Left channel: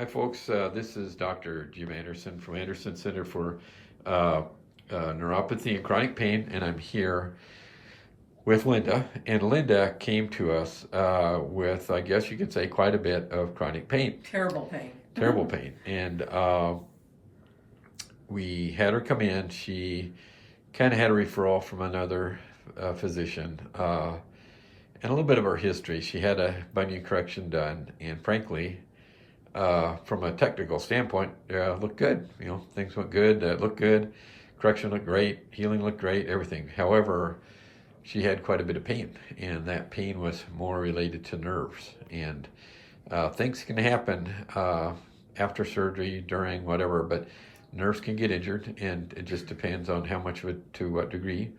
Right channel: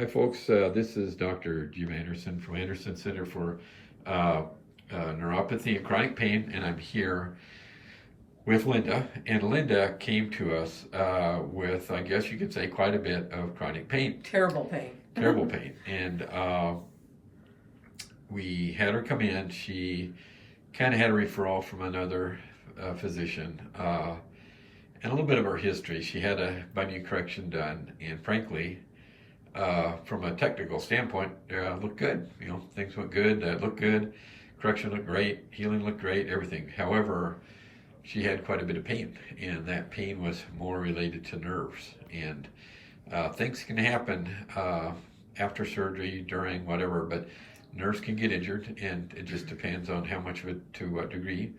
Hi folks, this is Dr. Jim Anderson from Anderson Center for Neuropathy and Chronic Pain, and I'm here with Linda. And Linda came to us with, I guess you could say, quite a bit of chronic pain. Terrible pain. Terrible pain. And we had her come in. She kind of had a referral from another physician and a little bit of her history. She had a bunion correction done, and frankly, from a technical standpoint, looked good. You know, things went good, looked good, correction looked great, healing looked great, everything. However, she had quite a bit of pain, and that pain was more related to nerves. And things can happen after surgery, during, whatever, but nerves can get injured, and it just depends on how much of it, to what degree,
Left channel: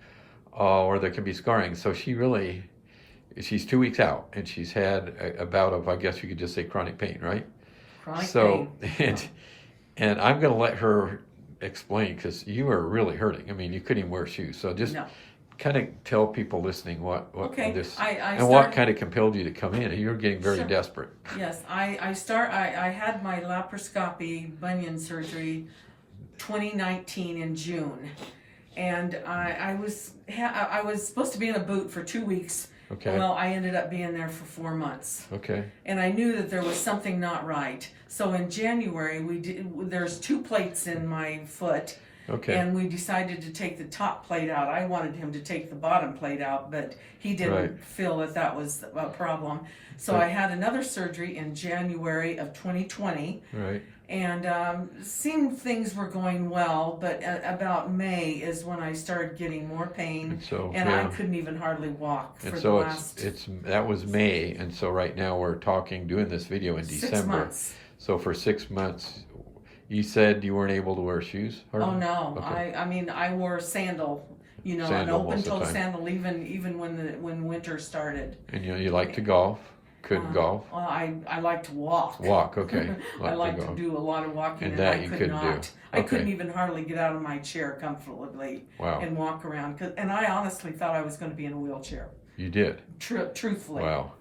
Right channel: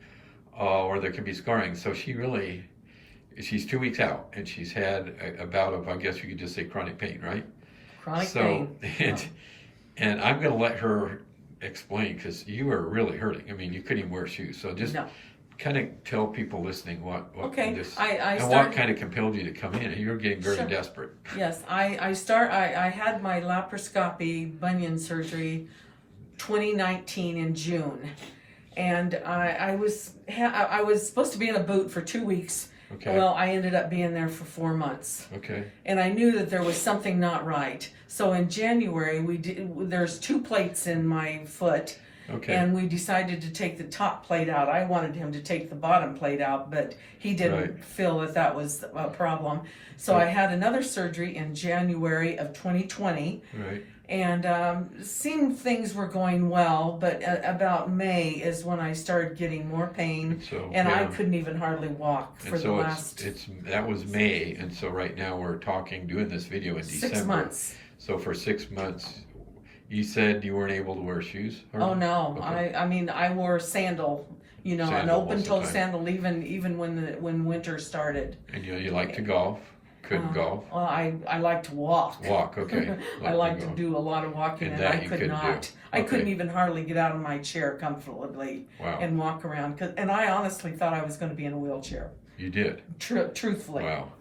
or there can be scarring. So she's 2 weeks out, and she's had a bout of, I guess you could just say, chronic pain, right? Chronic pain. And I'm going to let her explain, because you are really hurting. I mean, you couldn't even wear shoes. So just kind of tell people listening what what kind of compelled you to come in. You're getting very desperate. Yes, I had my laparoscopy bunion surgery 2019 in June, and I was supposed to be in a boot for 2 weeks. Okay. Well, I ended up being there for 4 months. Okay. And I knew that there was something not right. So in January, there's 2 plates in my foot. Okay. And we decided to take the top plate out. I wanted him to take the bottom plate out, but he didn't feel that that was a problem. So I had another surgery in January of 2020. Right. And seemed things were going well, but about May is when I started getting more pain, and I couldn't even hardly walk for the last. That was May, and so right now we're doing this video in December. 6 months. So for 6 months, you said you weren't able to wear shoes? Oh no, okay. I mean I wore a sandal, an open-toe sandal, even when winter started. And you like to golf? Couldn't golf? Well, I like to walk. Walk, okay. I like to do a lot of walking, and I could not. I couldn't even hardly get out of my chair comfortably and walk around. And I honestly thought I was going to be in a wheelchair. You did? Truthfully. Wow.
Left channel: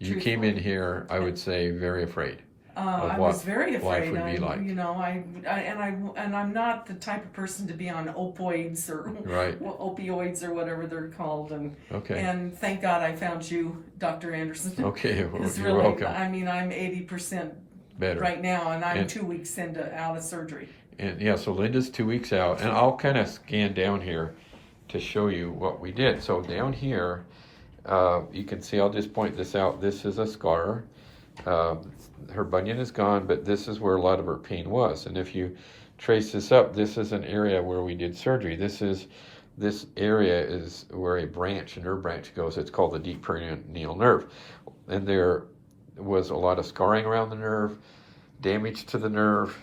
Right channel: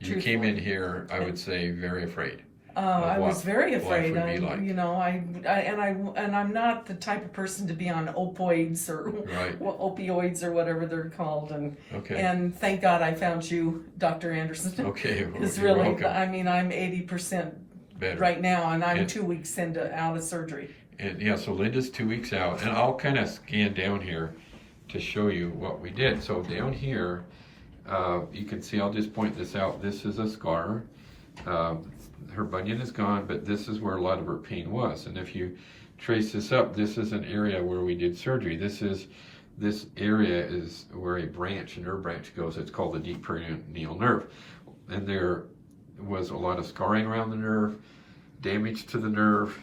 You came in here, I would say, very afraid. I was very afraid. Life would be like. I'm not the type of person to be on opioids or opioids or whatever they're called. And thank God I found you, Dr. Anderson. Okay. Because really, welcome. I mean, I'm 80% better right now, and I'm 2 weeks out of surgery. And yeah, so Linda's 2 weeks out, and I'll kind of scan down here to show you what we did. So down here, you can see, I'll just point this out. This is a scar. Her bunion is gone, but this is where a lot of her pain was. And if you trace this up, this is an area where we did surgery. This area is where a nerve branch goes. It's called the deep perineal nerve. And there was a lot of scarring around the nerve, damage to the nerve.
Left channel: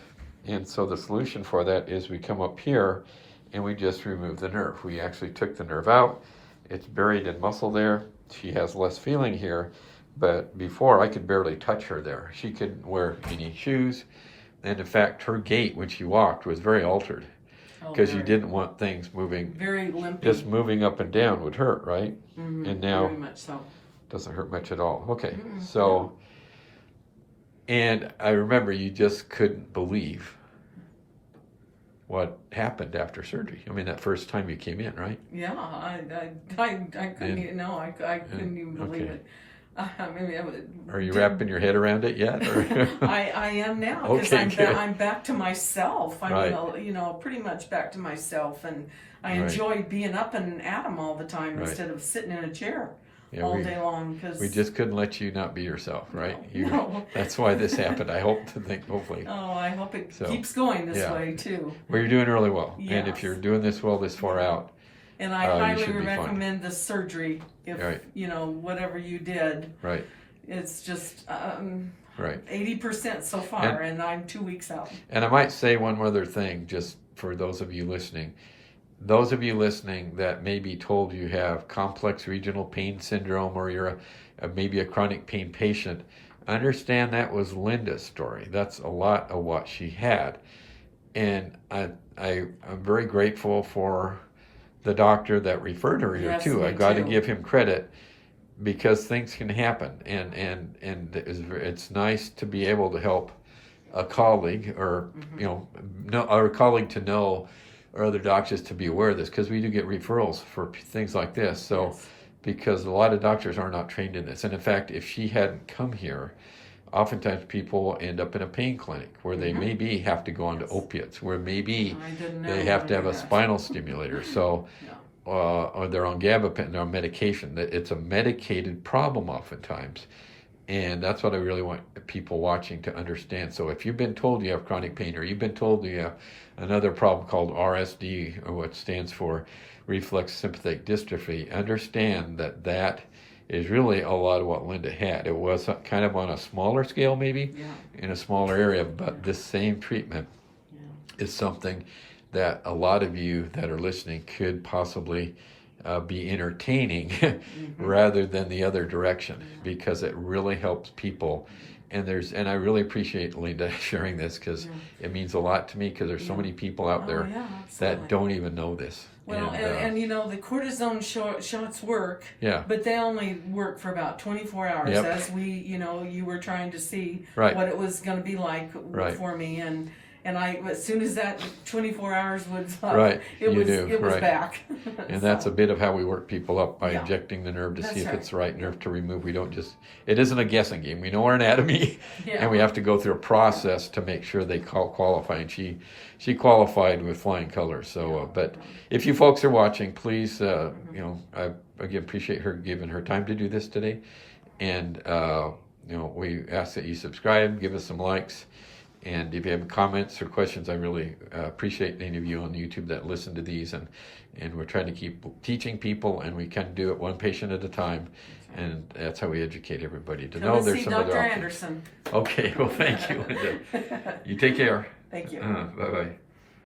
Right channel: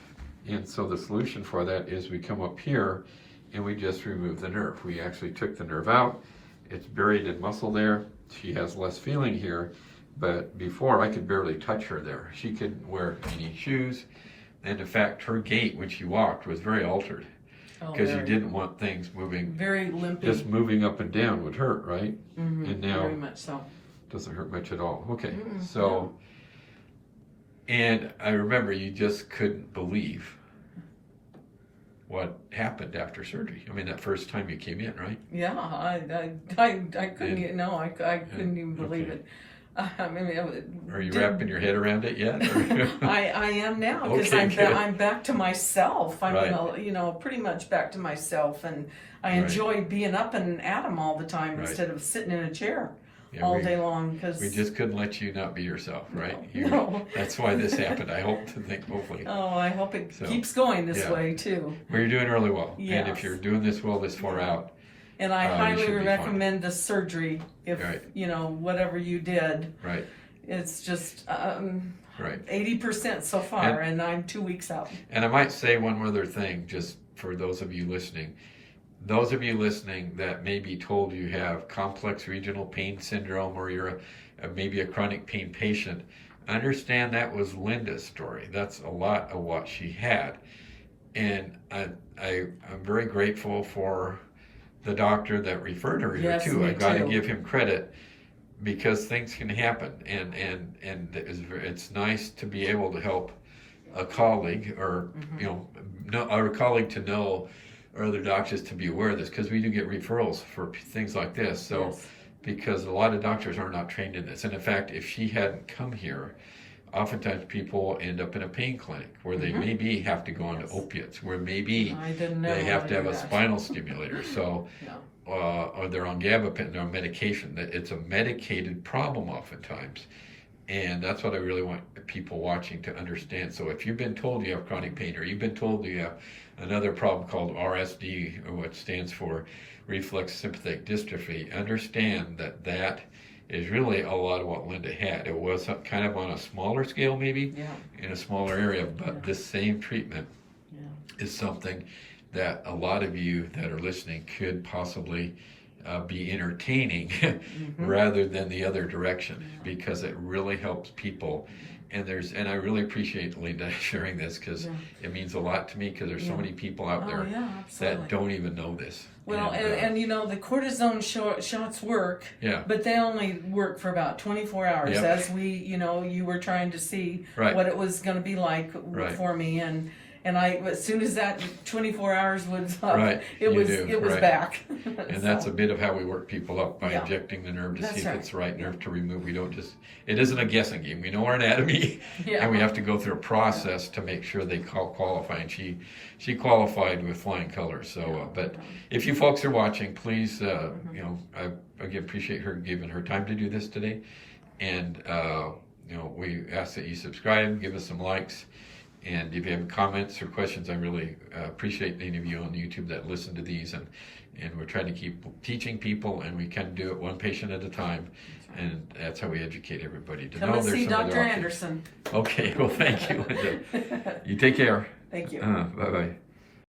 And so the solution for that is we come up here and we just remove the nerve. We actually took the nerve out. It's buried in muscle there. She has less feeling here. But before, I could barely touch her there. She couldn't wear any shoes. And in fact, her gait when she walked was very altered. Because you didn't want things moving. Very limpy. Just moving up and down would hurt, right? Mm-hmm. And now, very much so. Doesn't hurt much at all. Okay, so, and I remember you just couldn't believe what happened after surgery. I mean, that first time you came in, right? Yeah, I couldn't, I couldn't even believe it. Are you wrapping your head around it yet? I am now, because I'm back to myself. I'm pretty much back to myself, and I enjoy being up and at 'em all the time instead of sitting in a chair all day long. Because we just couldn't let you not be yourself, right? No. That's why this happened. I hope hopefully. Oh, I hope it keeps going this way too. Well, you're doing really well, yes. And if you're doing this well this far out. And I highly recommend the surgery if, whatever you did. Right. It's just 80% so far, and I'm 2 weeks out. And I might say one other thing, just for those of you listening. Those of you listening that may be told you have complex regional pain syndrome, or you're maybe a chronic pain patient, understand that was Linda's story. That's a lot of what she had. And I'm very grateful for the doctor that referred her here too. I got to give him credit, because things can happen, and it's nice to be able to help a colleague or, or a colleague to know, or other doctors to be aware of this, because we do get referrals for things like this. So, Yes. because a lot of doctors are not trained in this. And in fact, if she hadn't come here, oftentimes people end up in a pain clinic where they maybe have to go on to opiates, where maybe they have to have a spinal stimulator. So, or they're on gabapentin, they're on medication. It's a medicated problem oftentimes. And that's what I really want people watching to understand. So if you've been told you have chronic pain, or you've been told you have another problem called RSD, or what stands for reflex sympathetic dystrophy, understand that that is really a lot of what Linda had. It was kind of on a smaller scale, maybe, in a smaller area, but this same treatment is something that a lot of you that are listening could possibly be entertaining rather than the other direction, because it really helps people. And I really appreciate Linda sharing this, because it means a lot to me, because there's so many people out there that don't even know this. Well, and the cortisone shots work, but they only work for about 24 hours, as you were trying to see what it was going to be like for me, and as soon as that 24 hours was up, it was back. And that's a bit of how we work people up, by injecting the nerve to see if it's the right nerve to remove. We don't it isn't a guessing game. We know our anatomy, and we have to go through a process to make sure they qualify. And she qualified with flying colors. So, but if you folks are watching, please, I again appreciate her giving her time to do this today. And we ask that you subscribe, give us some likes. And if you have comments or questions, I really appreciate any of you on YouTube that listen to these. And we're trying to keep teaching people, and we can do it one patient at a time. And that's how we educate everybody to know there's some other options. Dr. Anderson. Okay, well, thank you, Linda. You take care. Thank you. Bye-bye.